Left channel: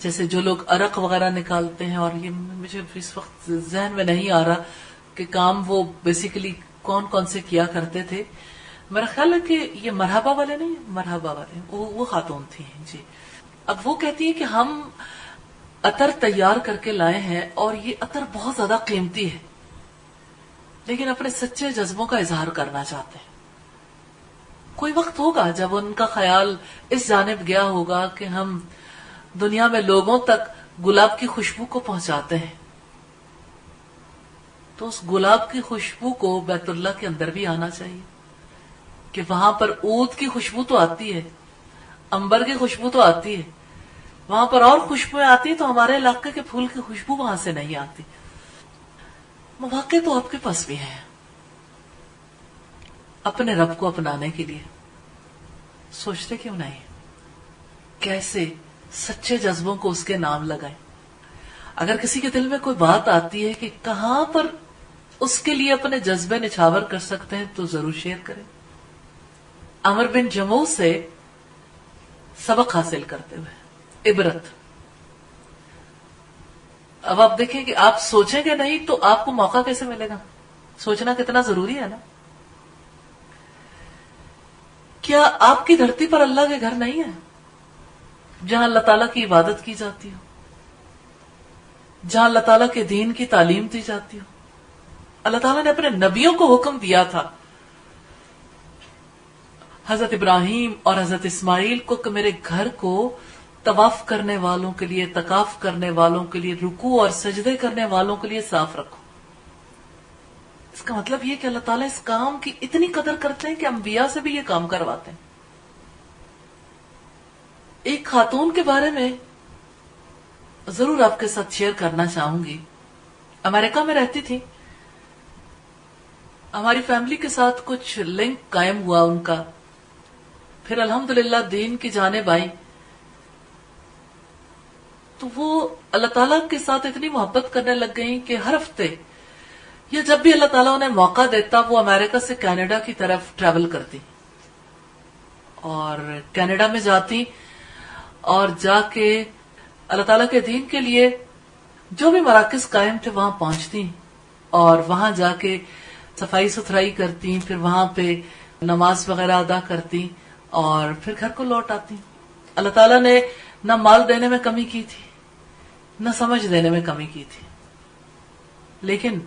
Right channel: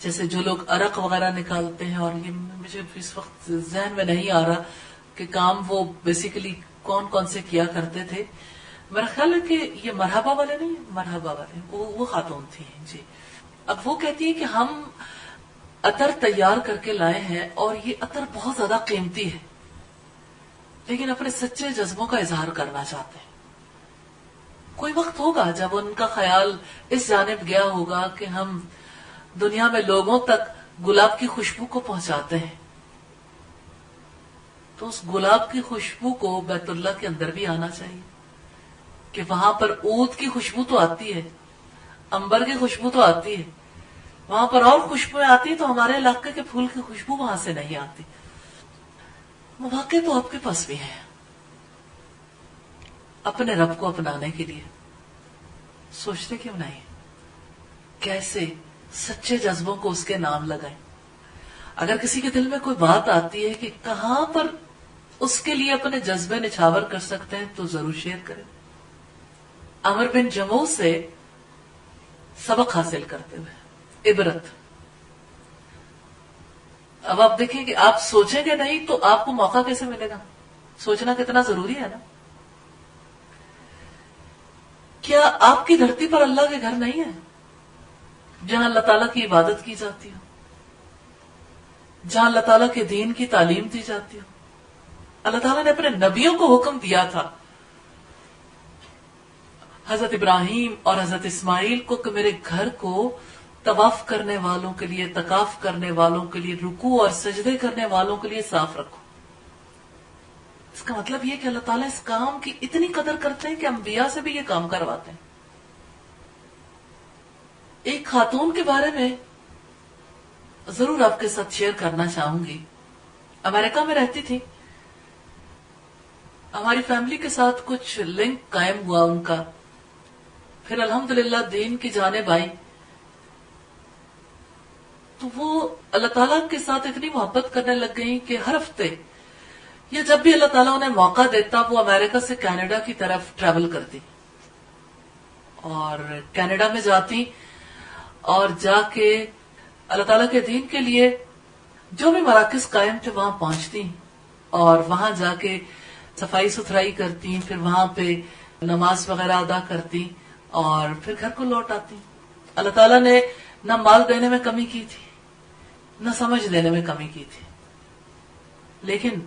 جیسے جو لوگ عرق وغیرہ نکالتے ہیں، اور یہ مجھے اس وقت ذہن میں نہیں آ رہا کہ کام وہ بیسیکلی کون کون سے کیا کرتے تھے. میرا خیال ہے کہ یہ مرحبا والے نہیں، مرحبا والے وہ خاتون تھی جی. اب وہ کہتی ہے کہ ہم عطر تیار کر کے لائے ہیں اور یہ عطر بہت زیادہ قیمتی ہے، لیکن اپنے سچے جذبوں کا اظہار کرنا چاہتے ہیں. کوئی وقت ہوگا جب ان کا خیال اس جانب گیا ہوگا کہ ہم دنیا میں لوگوں تک گلاب کی خوشبو کو پہنچاتے ہیں، تو اس گلاب کی خوشبو کو بیت اللہ کے اندر بھی آنا چاہیے کہ وہاں پر عود کی خوشبو تو آتی ہے، امبر کی خوشبو تو آتی ہے، وہاں پر اور خوشبویں آتی ہیں، تو ہمارے علاقے کے پھول کی خوشبو وہاں سے نہیں آتی. مواقع تو آپ کے پاس بھی ہے اپنے رب کو اپنانے کے لیے. سوچتے کیوں نہیں کیسے سچے جذبوں کو اس کے نام لگائیں. اگر کسی کے دل میں کوئی بات آتی ہے کہ کہاں پر اس کے لیے اپنے جذبے نچھاور کر سکتے ہیں تو ضرور شیئر کریں. عمر بن جموع سے سبق حاصل کرتے ہوئے عبرت. اب آپ دیکھیں کہ آپ سوچیں گے نہیں تو آپ کو موقع کیسے ملے گا؟ سوچنا کتنا ضروری ہے نا. کیا آپ کی دھرتی پر اللہ کے گھر نہیں ہے جہاں اللہ تعالیٰ کی عبادت کی جاتی ہو، جہاں اللہ تعالیٰ کے دین کی تعلیم دی جاتی ہو؟ اللہ تعالیٰ نے اپنے نبیوں کو حکم دیا تھا، حضرت ابراہیم اور حضرت اسماعیل کو، کہ میرے گھر کو طواف کرنے والوں کے لیے، اعتکاف کرنے والوں کے لیے، رکوع اور سجدے کرنے والوں کے لیے صاف رکھو. اس کا مطلب یہ کہ اللہ تعالیٰ اس کام کی اتنی قدر کرتے ہیں کہ انبیاء سے بھی یہ کام کرواتے ہیں. ایک خاتون کے بارے میں ضرور آپ کے ساتھ شیئر کرنا چاہوں گی. امریکہ میں رہتی تھی، ہماری فیملی کے ساتھ کچھ لنک قائم ہوا ان کا، پھر الحمدللہ دین کی جانب آئی، تو وہ اللہ تعالیٰ کے ساتھ اتنی محبت کرنے لگ گئی کہ ہر ہفتے یا جب بھی اللہ تعالیٰ انہیں موقع دیتا وہ امریکہ سے کینیڈا کی طرف ٹریول کرتی اور کینیڈا میں جاتی اور جا کے اللہ تعالیٰ کے دین کے لیے جو بھی مراکز قائم تھے وہاں پہنچتی اور وہاں جا کے صفائی ستھرائی کرتی، پھر وہاں پہ نماز وغیرہ ادا کرتی اور پھر گھر کو لوٹ آتی. اللہ تعالیٰ نے نہ مال دینے میں کمی کی تھی، نہ سمجھ دینے میں کمی کی تھی. لیکن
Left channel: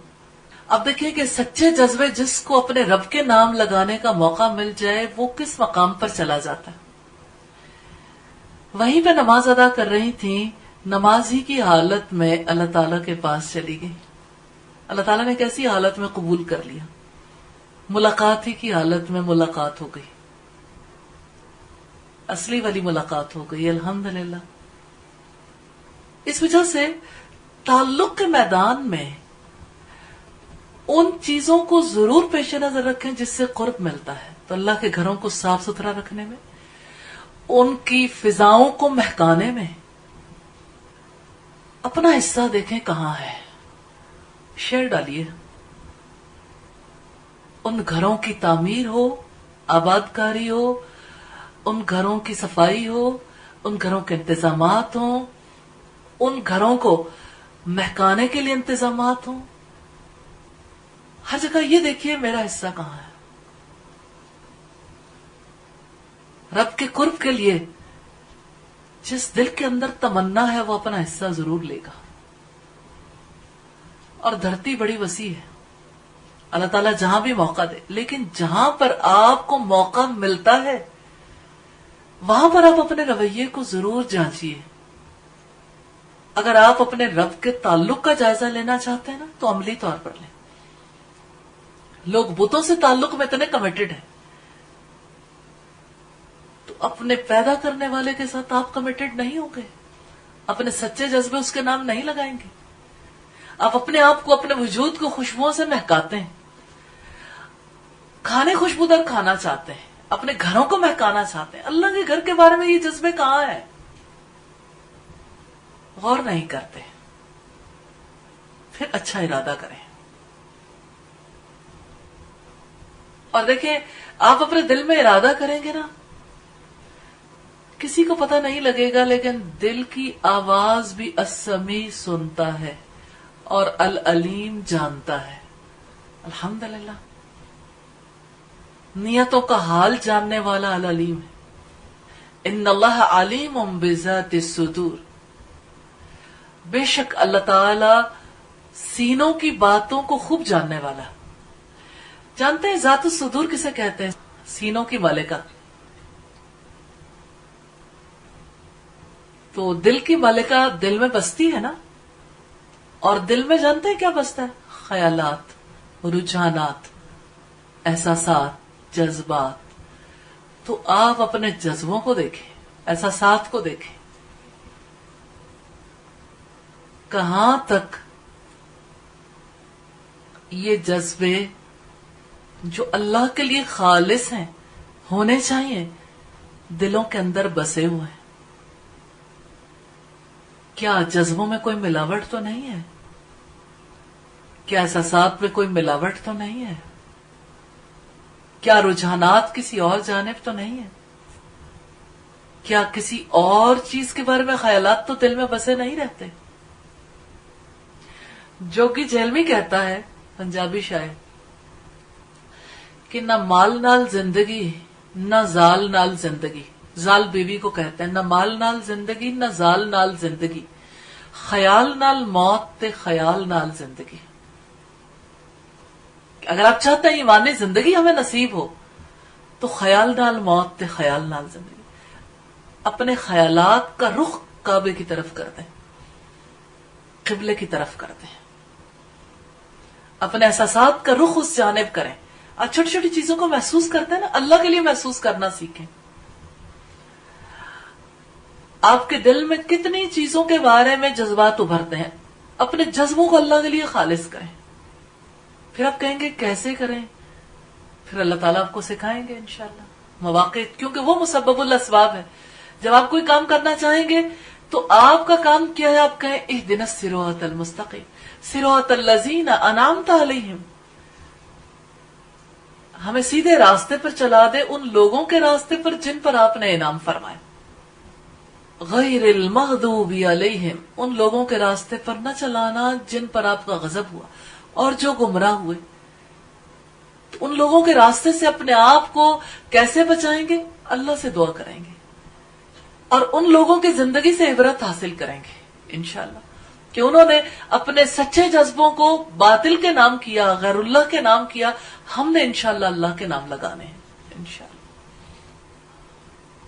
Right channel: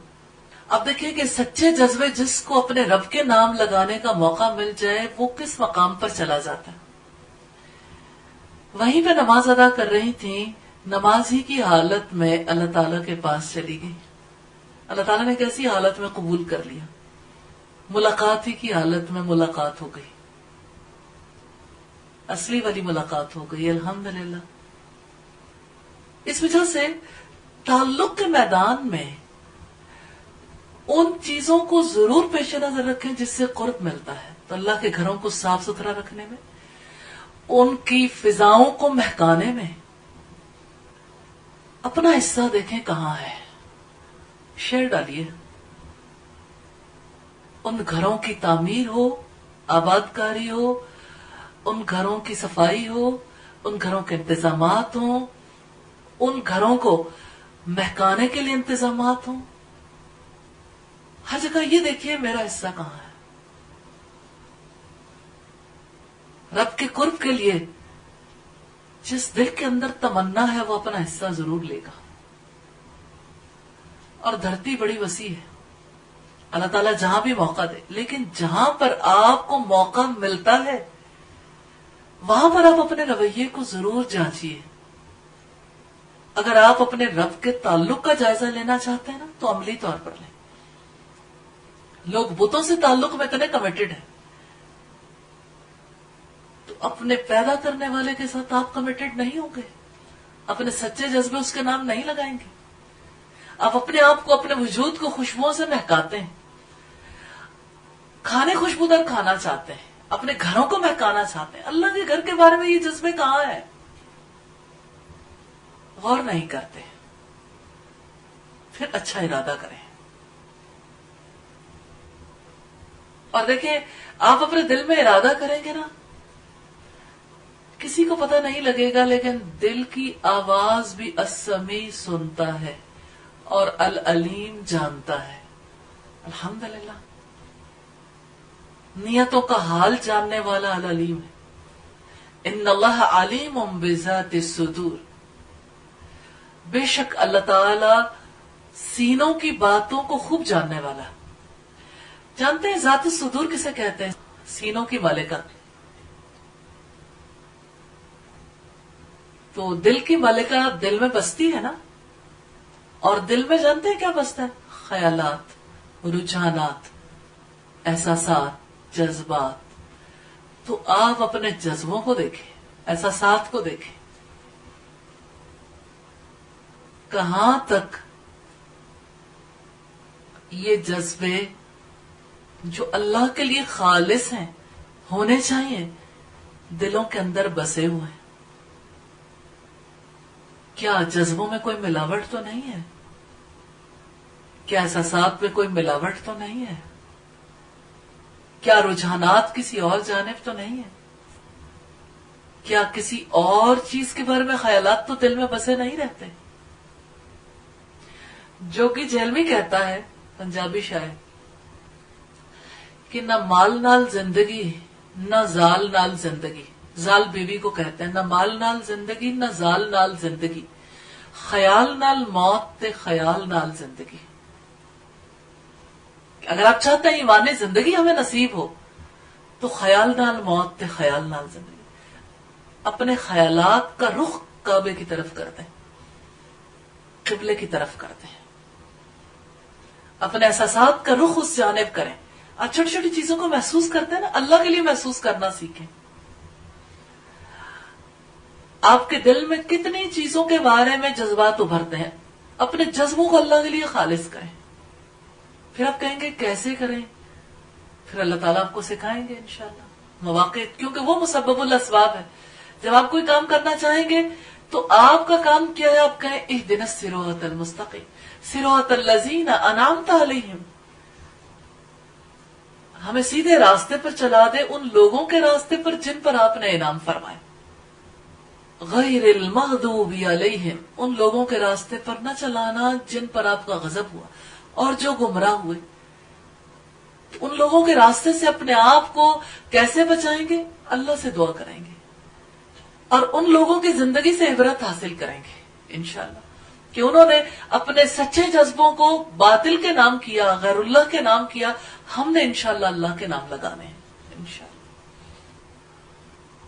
اب دیکھیے کہ سچے جذبے جس کو اپنے رب کے نام لگانے کا موقع مل جائے وہ کس مقام پر چلا جاتا ہے. وہیں پہ نماز ادا کر رہی تھی، نماز ہی کی حالت میں اللہ تعالیٰ کے پاس چلی گئی. اللہ تعالیٰ نے کیسی حالت میں قبول کر لیا، ملاقات ہی کی حالت میں ملاقات ہو گئی، اصلی والی ملاقات ہو گئی الحمدللہ. اس وجہ سے تعلق کے میدان میں ان چیزوں کو ضرور پیش نظر رکھیں جس سے قرب ملتا ہے. تو اللہ کے گھروں کو صاف ستھرا رکھنے میں، ان کی فضاؤں کو مہکانے میں اپنا حصہ دیکھیں کہاں ہے، شیئر ڈالیے. ان گھروں کی تعمیر ہو، آباد کاری ہو، ان گھروں کی صفائی ہو، ان گھروں کے انتظامات ہوں، ان گھروں کو مہکانے کے لیے انتظامات ہوں. ہر جگہ یہ دیکھیے میرا حصہ کہاں ہے. رب کے قرب کے لیے جس دل کے اندر تمنا ہے وہ اپنا حصہ ضرور لے گا. اور دھرتی بڑی وسیع ہے، اللہ تعالیٰ جہاں بھی موقع دے، لیکن جہاں پر آپ کو موقع ملتا ہے وہاں پر آپ اپنے رویے کو ضرور جانچیے. اگر آپ اپنے رب کے تعلق کا جائزہ لینا چاہتے ہیں نا تو عملی طور پر لیں. لوگ بتوں سے تعلق میں اتنے کمیٹڈ ہیں، تو اپنے پیدا کرنے والے کے ساتھ آپ کمیٹڈ نہیں ہوں گے، اپنے سچے جذبے اس کے نام نہیں لگائیں گے. آپ اپنے آپ کو، اپنے وجود کو خوشبوؤں سے مہکاتے ہیں، کھانے خوشبودار کھانا چاہتے ہیں، اپنے گھروں کو مہکانا چاہتے ہیں. اللہ کے گھر کے بارے میں یہ جذبے کہاں ہیں؟ غور نہیں کرتے. پھر اچھا ارادہ کریں. اور دیکھیں آپ اپنے دل میں ارادہ کریں گے نا کسی کو پتہ نہیں لگے گا، لیکن دل کی آواز بھی السمیع سنتا ہے اور العلیم جانتا ہے. الحمدللہ، نیتوں کا حال جاننے والا العلیم ہے. ان اللہ علیم بذات الصدور، بے شک اللہ تعالی سینوں کی باتوں کو خوب جاننے والا. جانتے ہیں ذات الصدور کسے کہتے ہیں؟ سینوں کی مالکہ. تو دل کی مالکہ دل میں بستی ہے نا، اور دل میں جانتے ہیں کیا بستا ہے؟ خیالات، رجحانات، احساسات، جذبات. تو آپ اپنے جذبوں کو دیکھیں، احساسات کو دیکھیں، کہاں تک یہ جذبے جو اللہ کے لیے خالص ہیں، ہونے چاہیے، دلوں کے اندر بسے ہوئے ہیں. کیا جذبوں میں کوئی ملاوٹ تو نہیں ہے؟ کیا احساسات میں کوئی ملاوٹ تو نہیں ہے؟ کیا رجحانات کسی اور جانب تو نہیں ہے؟ کیا کسی اور چیز کے بارے میں خیالات تو دل میں بسے نہیں رہتے؟ جوگی جیلوی کہتا ہے، پنجابی شاعر، کہ نہ مال نال زندگی نہ زال نال زندگی. زال بیوی کو کہتے ہیں، نہ مال نال زندگی نہ زال نال زندگی، خیال نال موت تے خیال نال زندگی. اگر آپ چاہتے ہیں ایمانی زندگی ہمیں نصیب ہو تو خیال نال موت تے خیال نال زندگی. اپنے خیالات کا رخ کعبے کی طرف کر دیں، قبلے کی طرف کر دیں. اپنے احساسات کا رخ اس جانب کریں. آپ چھوٹی چھوٹی چیزوں کو محسوس کرتے ہیں نا، اللہ کے لیے محسوس کرنا سیکھیں. آپ کے دل میں کتنی چیزوں کے بارے میں جذبات ابھرتے ہیں، اپنے جذبوں کو اللہ کے لیے خالص کریں. پھر آپ کہیں گے کیسے کریں؟ پھر اللہ تعالیٰ آپ کو سکھائیں گے انشاءاللہ. مواقع، کیونکہ وہ مسبب الاسباب ہے. جب آپ کوئی کام کرنا چاہیں گے تو آپ کا کام کیا ہے؟ آپ کہیں اہدنا الصراط المستقیم صراط الذین انعمت علیہم، ہمیں سیدھے راستے پر چلا دے، ان لوگوں کے راستے پر جن پر آپ نے انعام فرمایا. غیر المغضوب علیہم، ان لوگوں کے راستے پر نہ چلانا جن پر آپ کا غضب ہوا اور جو گمراہ ہوئے. ان لوگوں کے راستے سے اپنے آپ کو کیسے بچائیں گے؟ اللہ سے دعا کریں گے اور ان لوگوں کی زندگی سے عبرت حاصل کریں گے انشاءاللہ، کہ انہوں نے اپنے سچے جذبوں کو باطل کے نام کیا، غیر اللہ کے نام کیا. ہم نے انشاءاللہ اللہ کے نام لگانے ہیں انشاءاللہ.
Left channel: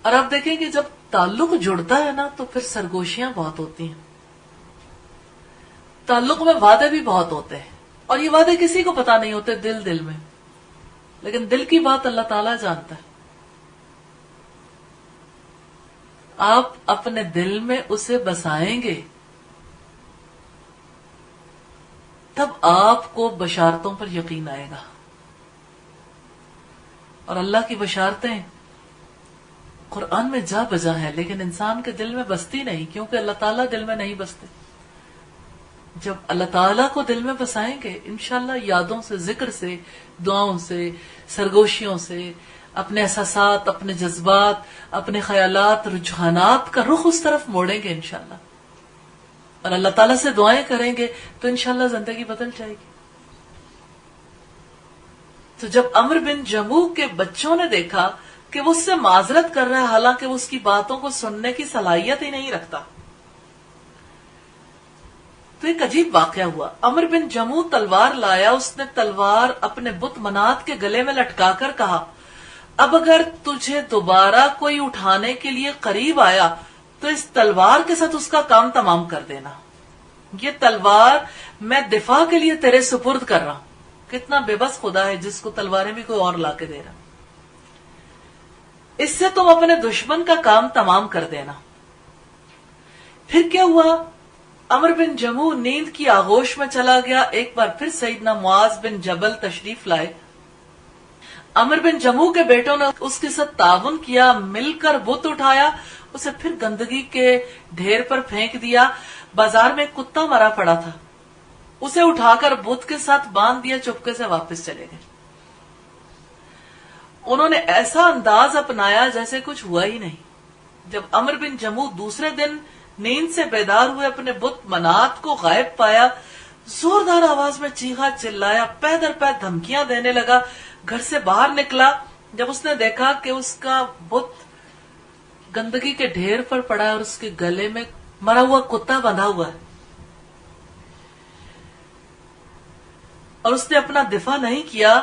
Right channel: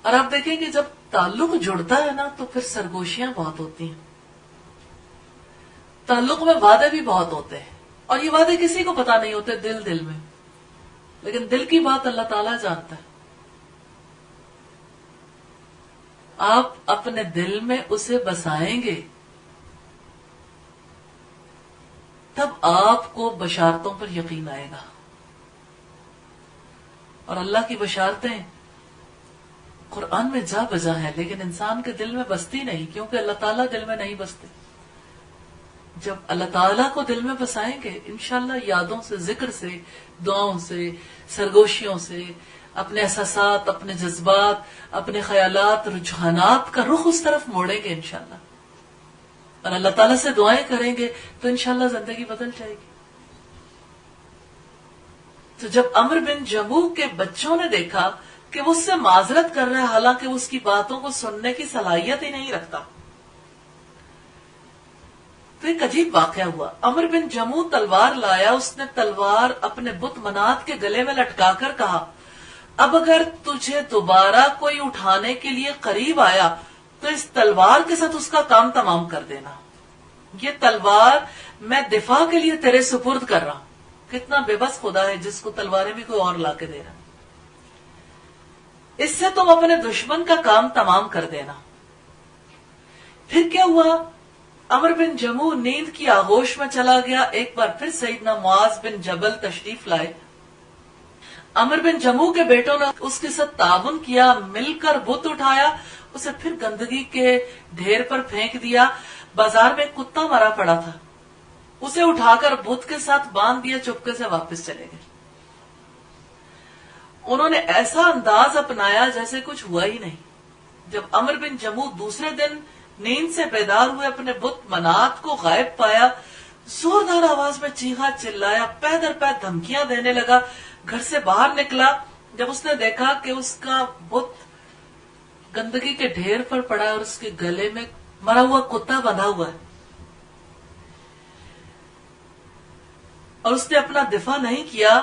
اور آپ دیکھیں کہ جب تعلق جڑتا ہے نا تو پھر سرگوشیاں بہت ہوتی ہیں. تعلق میں وعدے بھی بہت ہوتے ہیں، اور یہ وعدے کسی کو پتا نہیں ہوتے دل میں، لیکن دل کی بات اللہ تعالیٰ جانتا ہے. آپ اپنے دل میں اسے بسائیں گے تب آپ کو بشارتوں پر یقین آئے گا. اور اللہ کی بشارتیں قرآن میں جا بجا ہیں، لیکن انسان کے دل میں بستی نہیں، کیونکہ اللہ تعالیٰ دل میں نہیں بستے. جب اللہ تعالیٰ کو دل میں بسائیں گے انشاءاللہ، یادوں سے، ذکر سے، دعاؤں سے، سرگوشیوں سے، اپنے احساسات، اپنے جذبات، اپنے خیالات، رجحانات کا رخ اس طرف موڑیں گے انشاءاللہ، اور اللہ تعالیٰ سے دعائیں کریں گے تو انشاءاللہ زندگی بدل جائے گی. تو جب عمرو بن جموح کے بچوں نے دیکھا کہ وہ اس سے معذرت کر رہا ہے، حالانکہ وہ اس کی باتوں کو سننے کی صلاحیت ہی نہیں رکھتا، تو ایک عجیب واقعہ ہوا. عمرو بن جموح تلوار لایا، اس نے تلوار اپنے بت منات کے گلے میں لٹکا کر کہا، اب اگر تجھے دوبارہ کوئی اٹھانے کے لیے قریب آیا تو اس تلوار کے ساتھ اس کا کام تمام کر دینا. یہ تلوار میں دفاع کے لیے تیرے سپرد کر رہا ہوں. کتنا بے بس خدا ہے جس کو تلواریں بھی کوئی اور لا کے دے رہا. اس سے تم اپنے دشمن کا کام تمام کر دینا. پھر کیا ہوا؟ عمرو بن جموح نیند کی آغوش میں چلا گیا. ایک بار پھر سیدنا معاذ بن جبل تشریف لائے. عمرو بن جموح کے بیٹوں نے اس کے ساتھ تعاون کیا، مل کر بت اٹھایا، اسے پھر گندگی کے ڈھیر پر پھینک دیا. بازار میں کتا مرا پڑا تھا، اسے اٹھا کر بت کے ساتھ باندھ دیا، چپکے سے واپس چلے گئے. انہوں نے ایسا انداز اپنایا جیسے کچھ ہوا ہی نہیں، جب عمر بن جموح دوسرے دن نیند سے بیدار ہوئے اپنے بت منات کو غائب پایا، زوردار آواز میں چیخا چلایا، پے در پے دھمکیاں دینے لگا، گھر سے باہر نکلا۔ جب اس نے دیکھا کہ اس کا بت گندگی کے ڈھیر پر پڑا ہے اور اس کے گلے میں مرا ہوا کتا بندھا ہوا ہے اور اس نے اپنا دفاع نہیں کیا،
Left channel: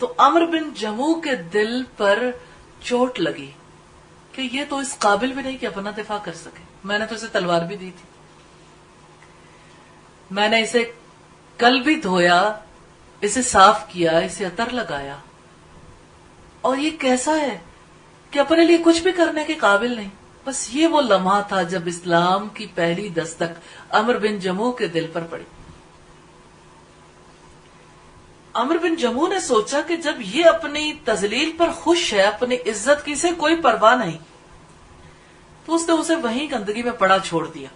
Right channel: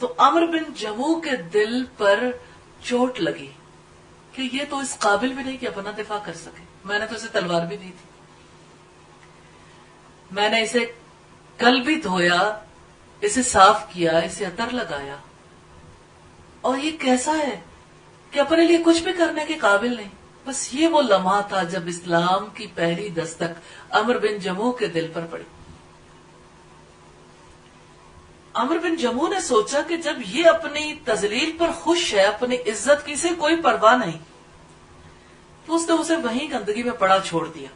تو عمر بن جموح کے دل پر چوٹ لگی کہ یہ تو اس قابل بھی نہیں کہ اپنا دفاع کر سکے، میں نے تو اسے تلوار بھی دی تھی، میں نے اسے کل بھی دھویا، اسے صاف کیا، اسے عطر لگایا، اور یہ کیسا ہے کہ اپنے لیے کچھ بھی کرنے کے قابل نہیں۔ بس یہ وہ لمحہ تھا جب اسلام کی پہلی دستک عمر بن جموح کے دل پر پڑی۔ عمر بن جموح نے سوچا کہ جب یہ اپنی تذلیل پر خوش ہے، اپنی عزت کی سے کوئی پرواہ نہیں، تو اس نے اسے وہیں گندگی میں پڑا چھوڑ دیا،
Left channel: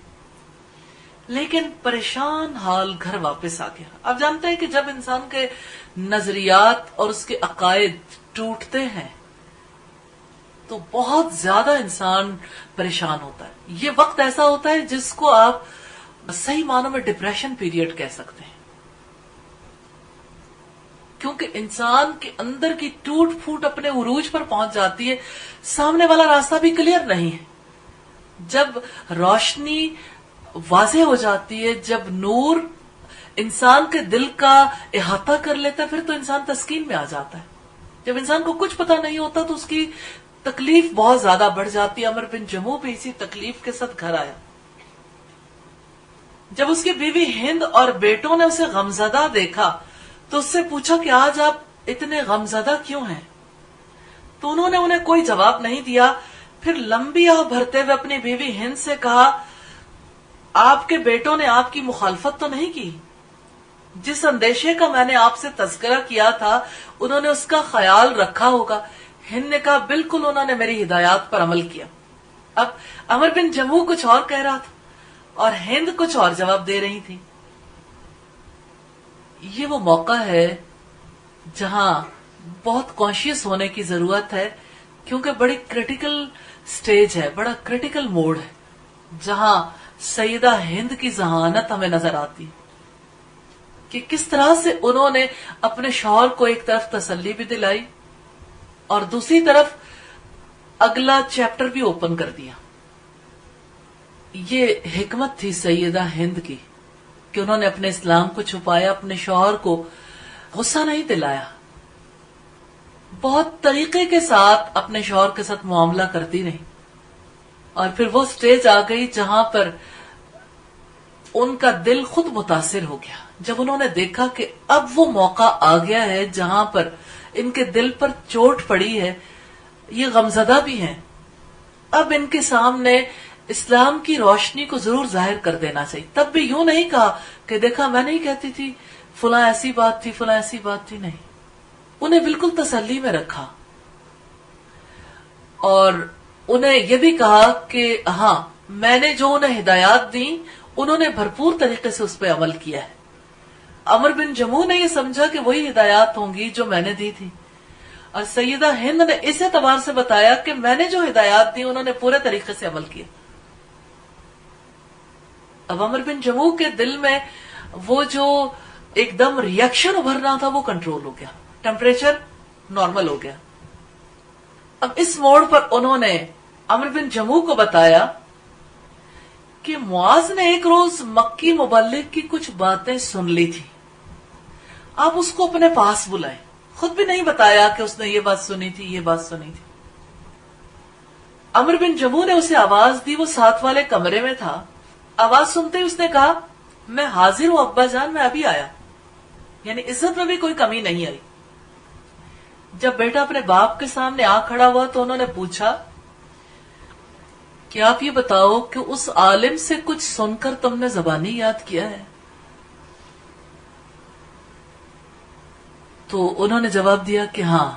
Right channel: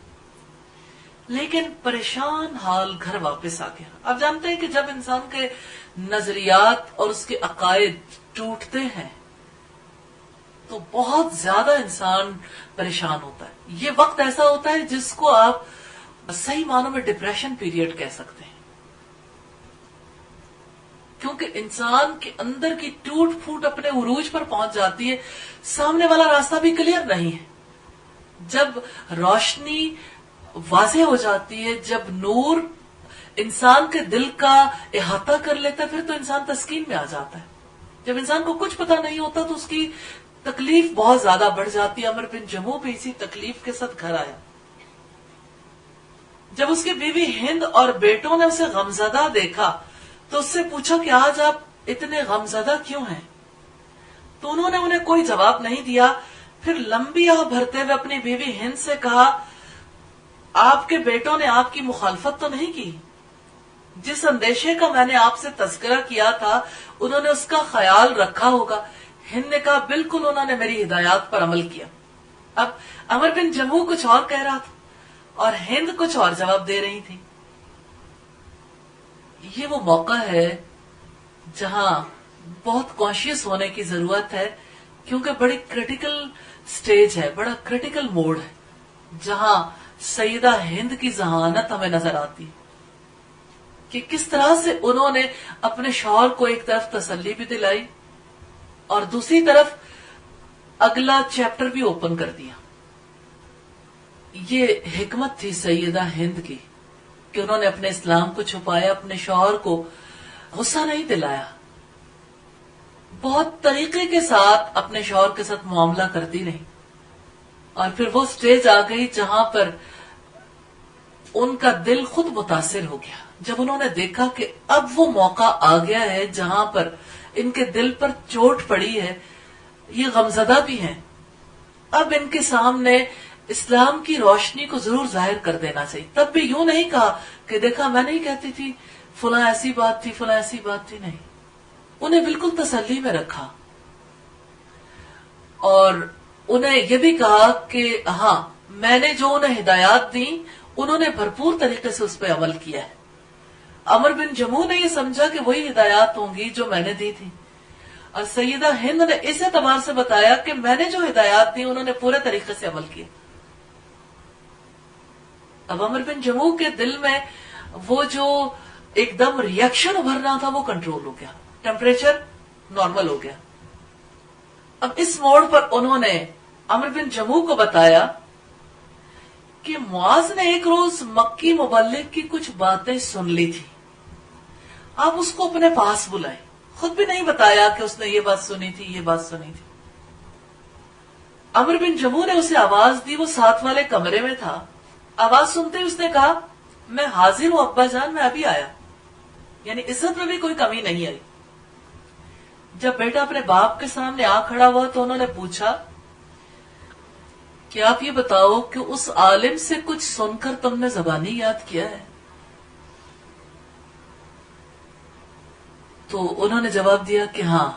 لیکن پریشان حال گھر واپس آ گیا۔ آپ جانتے ہیں کہ جب انسان کے نظریات اور اس کے عقائد ٹوٹتے ہیں تو بہت زیادہ انسان پریشان ہوتا ہے۔ یہ وقت ایسا ہوتا ہے جس کو آپ صحیح معنوں میں ڈپریشن پیریڈ کہہ سکتے ہیں، کیونکہ انسان کے اندر کی ٹوٹ پھوٹ اپنے عروج پر پہنچ جاتی ہے، سامنے والا راستہ بھی کلیئر نہیں ہے۔ جب روشنی واضح ہو جاتی ہے، جب نور انسان کے دل کا احاطہ کر لیتا ہے، پھر تو انسان تسکین میں آ جاتا ہے۔ جب انسان کو کچھ پتہ نہیں ہوتا تو اس کی تکلیف بہت زیادہ بڑھ جاتی ہے۔ عمر بن جموح بھی اسی تکلیف کے ساتھ گھر آیا۔ جب اس کی بیوی ہند اور بیٹوں نے اسے غمزدہ دیکھا تو اس سے پوچھا کہ آج آپ اتنے غمزدہ کیوں ہیں؟ تو انہوں نے انہیں کوئی جواب نہیں دیا۔ پھر لمبی آہ بھرتے ہوئے اپنی بیوی ہند سے کہا، آپ کے بیٹوں نے آپ کی مخالفت تو نہیں کی؟ جس اندیشے کا میں نے آپ سے تذکرہ کیا تھا انہوں نے اس کا خیال رکھا ہوگا۔ ہند نے کہا، بالکل انہوں نے میری ہدایات پر عمل کیا۔ اب عمر بن جموح کچھ اور کہہ رہا تھا اور ہند کچھ اور جواب دے رہی تھی۔ یہ وہ موقع ہے جہاں بہت کانشیس ہونے کی ضرورت ہے، کیونکہ بڑی کریٹیکل سٹیج ہے، بڑا کریٹیکل موڈ ہے، جہاں سیدہ ہند کی ذہانت ہمیں نظر آتی ہے کہ کس طرح سے انہوں نے اپنے شوہر کو ایک طرف تسلی بھی دلائی اور دوسری طرف اگلا چیپٹر بھی اوپن کر دیا۔ یہ حکمت تھی سیدہ ہند کی کہ انہوں نے اپنے اسلام کو چھپایا، اپنے شوہر کو غصہ نہیں دلایا، بہت طریقے کے ساتھ اپنے شوہر کے ساتھ معاملہ کرتی نہیں، اور پھر وہ سٹیج آ گئی جہاں پر ان کا دل خود متاثر ہو گیا، جب انہوں نے دیکھا کہ اب وہ موقع آ گیا ہے جہاں پر ان کے دل پر چوٹ پڑی ہے، یہ غمزدہ بھی ہیں، اب ان کے سامنے اسلام کی روشنی کو ضرور ظاہر کر دینا چاہیے۔ تب بھی یوں نہیں کہا کہ دیکھا میں نہیں کہتی تھی فلاں ایسی بات تھی، فلاں ایسی بات تھی، نہیں، انہیں بالکل تسلی میں رکھا اور انہیں یہ بھی کہا کہ ہاں میں نے جو انہیں ہدایات دی انہوں نے بھرپور طریقے سے اس پہ عمل کیا ہے۔ عمر بن جموح نے یہ سمجھا کہ وہی ہدایات ہوں گی جو میں نے دی تھی، اور سیدہ ہند نے اس اعتبار سے بتایا کہ میں نے جو ہدایات دی انہوں نے پورے طریقے سے عمل کیا۔ اب عمر بن جموح کے دل میں وہ جو ایک دم ریئیکشن ابھرنا تھا وہ کنٹرول ہو گیا، ٹیمپریچر نارمل ہو گیا۔ اب اس موڑ پر انہوں نے عمر بن جموح کو بتایا کہ معاذ نے ایک روز مکی مبلغ کی کچھ باتیں سن لی تھی، آپ اس کو اپنے پاس بلائے۔ خود بھی نہیں بتایا کہ اس نے یہ بات سنی تھی، یہ بات سنی تھی۔ عمر بن جموح نے اسے آواز دی، وہ ساتھ والے کمرے میں تھا۔ آواز سنتے ہی اس نے کہا، میں حاضر ہوں ابا جان، میں ابھی آیا، یعنی عزت میں بھی کوئی کمی نہیں آئی۔ جب بیٹا اپنے باپ کے سامنے آ کھڑا ہوا تو انہوں نے پوچھا کہ آپ یہ بتاؤ کہ اس عالم سے کچھ سن کر تم نے زبانی یاد کیا ہے؟ تو انہوں نے جواب دیا کہ ہاں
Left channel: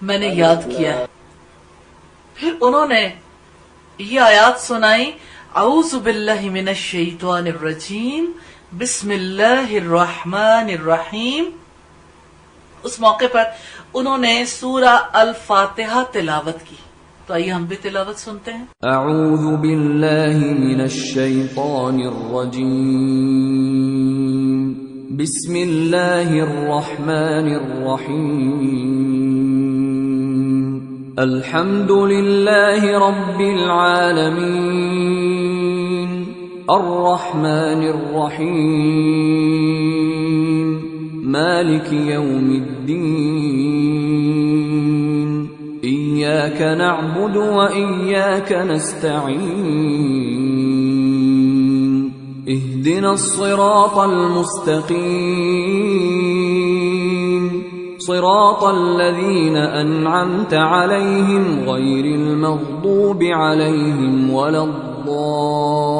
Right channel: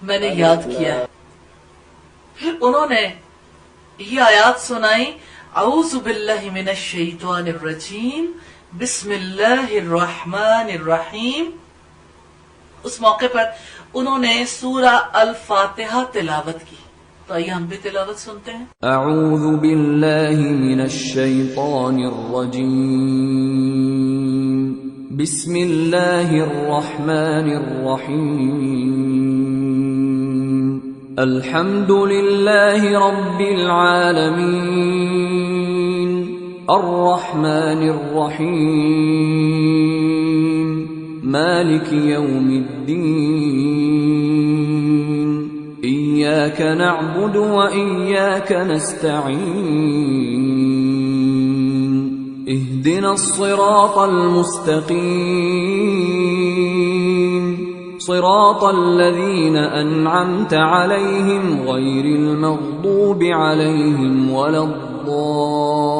میں نے یاد کیا ہے۔ پھر انہوں نے یہ آیات سنائی، اعوذ باللہ من الشیطان الرجیم، بسم اللہ الرحمن الرحیم۔ اس موقع پر انہوں نے سورہ الفاتحہ تلاوت کی تو آئیے ہم بھی تلاوت سنتے ہیں. اعوذ باللہ من الشیطان الرجیم. بسم اللہ الرحمن الرحیم. الحمد للہ رب العالمین الرحمن الرحیم مالک یوم الدین إياك نعبد وإياك نستعين اهدنا الصراط المستقيم صراط الذين أنعمت عليهم غير المغضوب عليهم ولا الضالين